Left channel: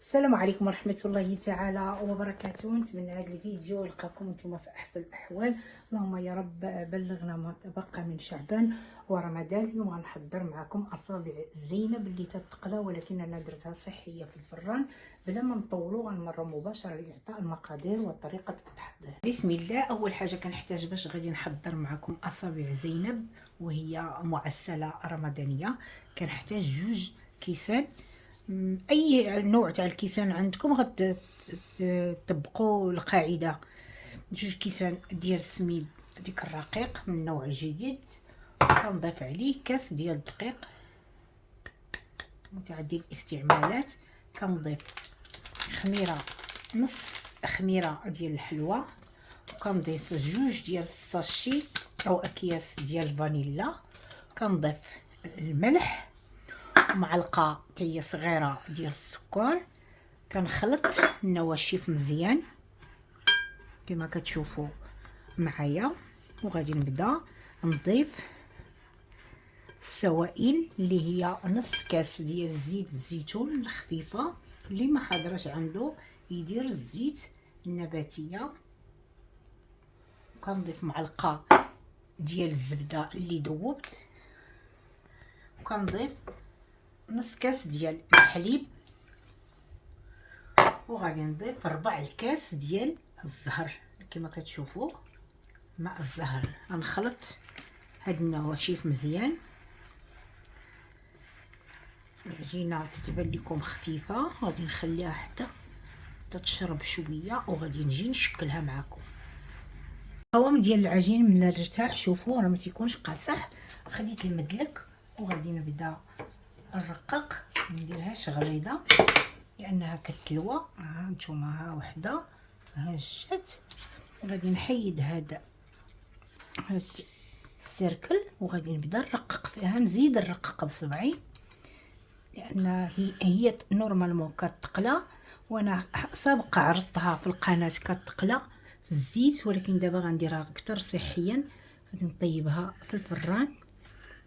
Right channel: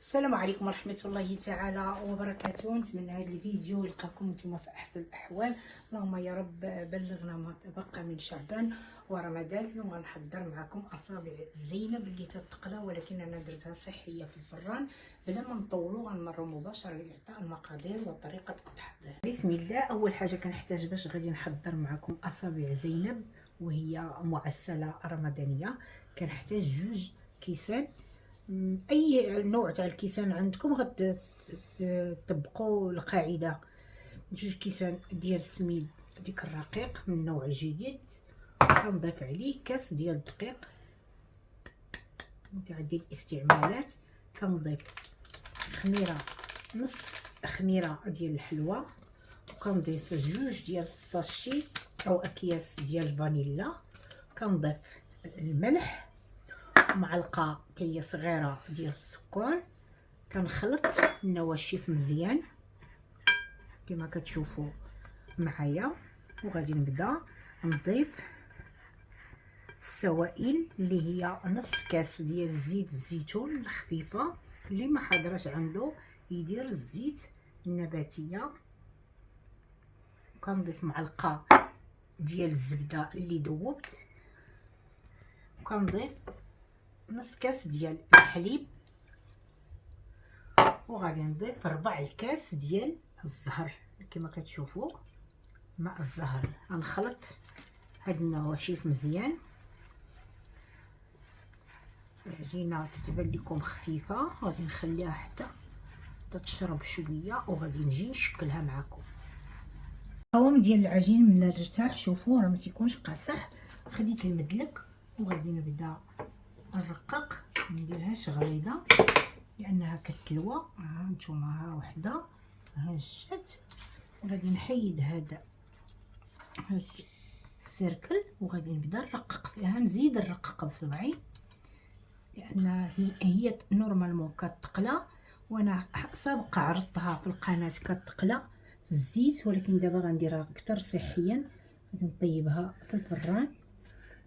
السلام عليكم ورحمه الله تعالى وبركاته. نتمنى هذا الفيديو يلقاكم نتوما في احسن الاحوال. اللهم يا رب بلغنا ما تبقى من شعبان ورمضان. اليوم غنحضر معكم اصابع زينب اللي تتقلى، ولكن انا درتها صحيه في الفران. بلا ما نطولوا غنمروا مباشره لاعطاء المقادير وطريقه التحضير. بسم الله. اول حاجه كنحتاج باش غادي نحضر معكم اصابع زينب وهي معسله رمضانيه. كنحتاج 2 كيسان، اي نوع تاع الكيسان عندكم غتطبقوا القاعده. 2 كيسان ديال السميد ديك الرقيق من نوع جيد. كنضيف عليه كاس ديال الدقيق متعدد الاستعمالات. كنضيف نص خميره ديال الحلوى. كنضيف 2 ديال الساشي او اكياس ديال الفانيلا. كنضيف الملح، معلقه تاهي صغيره ديال السكر. كنخلط النواشف مزيان كما كتشوفوا معايا، وغادي نبدا نضيف السوائل اللي هي نص كاس ديال زيت الزيتون الخفيفه. اللي ما حاضرش عنده يدير الزيت النباتيه. كنضيف معلقه ديال الزبده اللي ذوبت. وكنضيف نص كاس ديال الحليب، وغادي نضيف 4 الكاس ديال الزهر كما كتشوفوا ماء الزهر. غنخلط هاد النواشف مزيان. العجينه تتبان لكم خفيفه، غادي نخليها حتى تشرب شويه وغادي نجي نشكلها معكم. القوام ديال العجين من الارتاح شوفوا راه ما تيكونش قاصح. خديت المدلك وغادي نبدا نرقق، ما نديرهاش غليظه لانها كتلوى. ها نتوما، ها وحده ها جات. غادي نحيد هاد السيركل وغادي نبدا نرقق فيها. نزيد نرقق بصبعي لان هي نورمالمون كتقلى، وانا سابقا عرضتها في القناه كتقلى في الزيت، ولكن دابا غنديرها اكثر صحيا. غادي نطيبها في الفران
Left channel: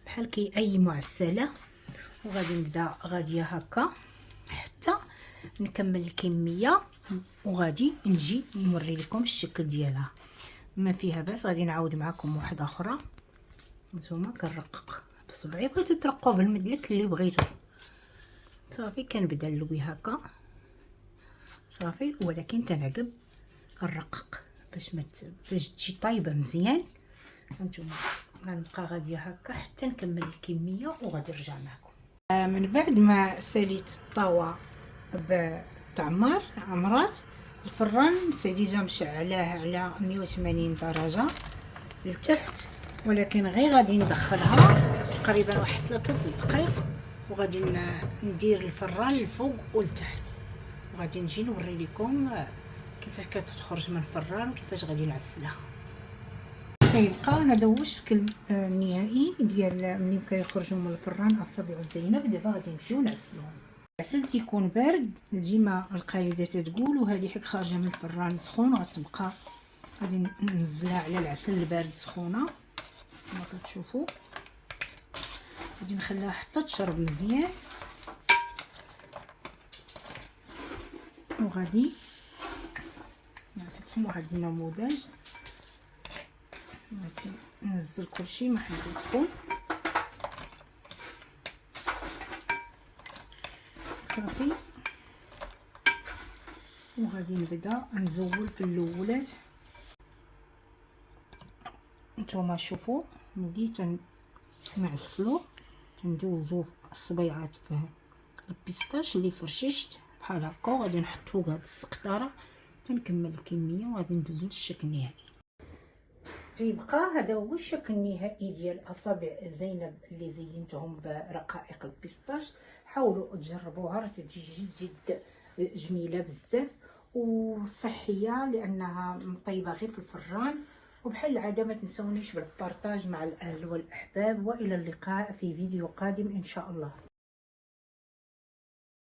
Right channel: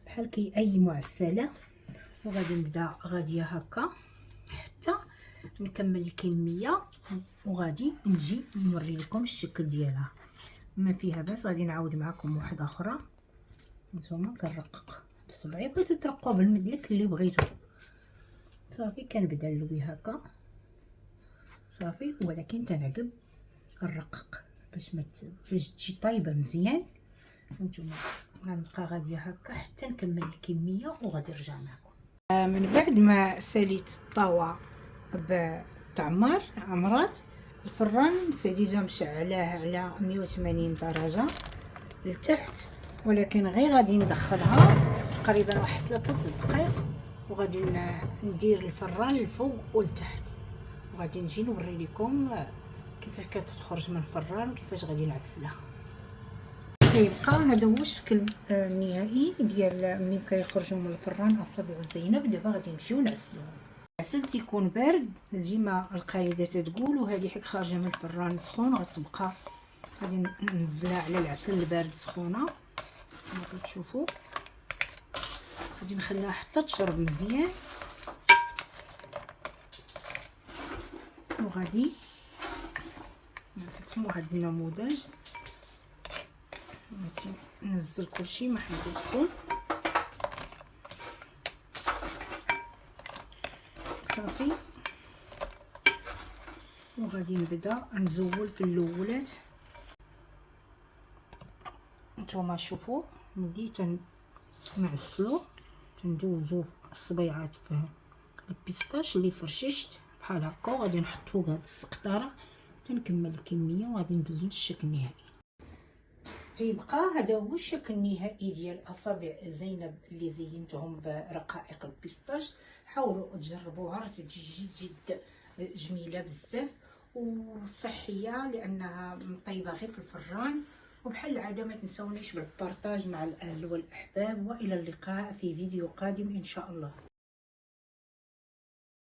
بحال كي اي معسله، وغادي نبدا غاديه هكا حتى نكمل الكميه، وغادي نجي نوري لكم الشكل ديالها. ما فيها باس. غادي نعاود معكم واحده اخرى. نتوما كنرقق بصبعي. بغيتو ترققوا بالمدلك اللي بغيتو صافي. كنبدا نلوي هكا صافي، ولكن تنعقب نرقق باش تجي طايبه مزيان. هانتوما غنبقى غاديه هكا حتى نكمل الكميه وغادي نرجع معكم. من بعد ما ساليت الطاوه بالتعمر عمرات الفران ديجا مشعلاه على 180 درجه لتحت، ولكن غير غادي ندخلها تقريبا واحد 3 دقائق وغادي ندير الفران للفوق ولتحت، وغادي نجي نوري لكم كيفاش كتخرج من الفران وكيفاش غادي نعسلها. كيبقى هذا هو الشكل النهائي ديال ملي كيخرجوا من الفران اصابع زينب. دابا غادي نمشيو نعسلوهم. العسل تيكون بارد ديما القاعده تتقول، وهذه حيت خارجه من الفران سخون غتبقى. غادي ننزلها على العسل البارد سخونه كما كتشوفوا. غادي نخليها حتى تشرب مزيان، وغادي نعطيكم واحد النموذج. ننزل كلشي ما حيدوزكم صافي. وغادي نبدا نزول في الاولات. نتوما شوفوا ملي تنعسلو تندوزو الصبيعات في البيستاش اللي فرششت بحال هكا، وغادي نحط فوق هاد السقطاره تنكمل الكميه وغادي ندوزو للشكل النهائي. تيبقى هذا هو الشكل النهائي ديال اصابع زينب اللي زينتهم برقائق البيستاش. حاولوا تجربوها، راه تجي جد جميله بزاف وصحيه لانها مطيبه غير في الفران. وبحال العاده ما تنسونيش بالبارطاج مع الاهل والاحباب، والى اللقاء في فيديو قادم ان شاء الله.